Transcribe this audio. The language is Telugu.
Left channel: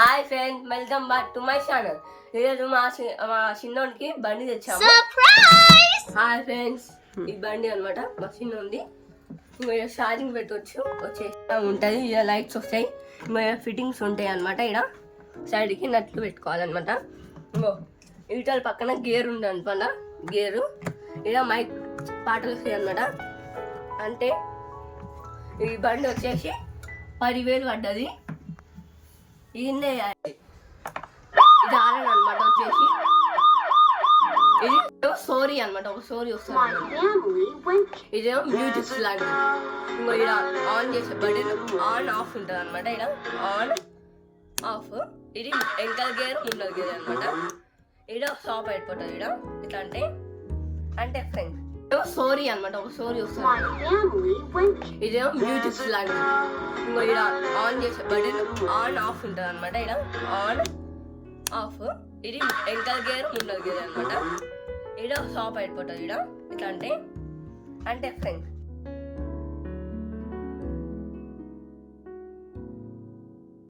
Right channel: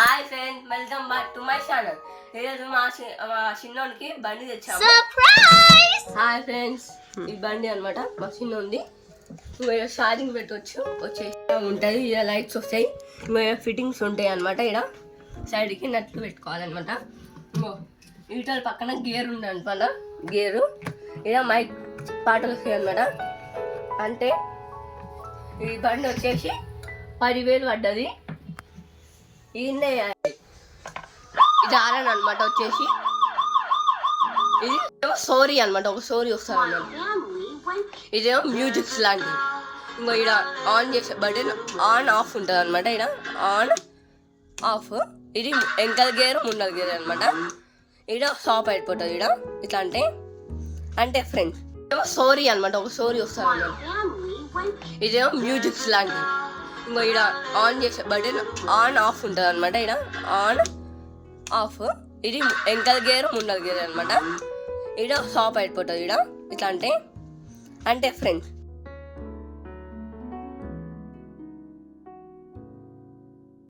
Hi friends, welcome back to my channel. ఈరోజు మా చిన్నోడికి బండి తెచ్చాము. హాయ్ ఫ్రెండ్స్, ఈ బండి అనమాట మా చిన్నోంది. మీరు ఛార్జింగ్ పెట్టవచ్చు, వచ్చేసి ఉంటుంది. ఇలా లైట్స్ వస్తాయి, మీరు ఫిట్టింగ్స్ ఉంటాయి అనమాట. ఇక్కడ సైడ్కి నట్లు పెట్టుకోవాలన్నమాట. ఇటల పక్కన గేర్ ఉంది అనమాట. గేరు ఇలా మైక్ పాటలు వస్తాయి అనమాట. అంటే ఈ బండి వచ్చేసి 10,000 పడ్డది. ఇది ఆరన్ అనమాట. వచ్చేసి ఇది స్టోరీ అనమాట, ఒక స్టోరీ వస్తుంది అనమాట. ఇదేమో మ్యూజిక్స్ లాంటిది. ఇంకో ఇక్కడ ఆన్ చేసే బటన్ ఆన్ ఆఫ్ ఉంటుంది అనమాట. ఇక్కడ ఆన్ ఆఫ్. ఇది వెనకాల గేర్ ముందల గేర్ అనమాట. ఇక్కడ స్టాప్ అయిపోతుంది. ఇక్కడ ఇట్లా అంటే ఫ్రెండ్స్ స్టోరీ అనమాట, ఒక స్టోరీ వస్తుంది అనమాట. ఇదేమో మ్యూజిక్స్ లాంటిది. ఇంకో ఇక్కడ ఆన్ చేసే బటన్ ఆన్ ఆఫ్ ఉంటుంది అనమాట. ఇక్కడ ఆన్ ఆఫ్. ఇది వెనకాల గేర్ ముందల గేర్ అనమాట. ఇక్కడ స్టాప్ అయిపోతుంది. ఇక్కడ ఇట్లా అంటే ఫ్రెండ్స్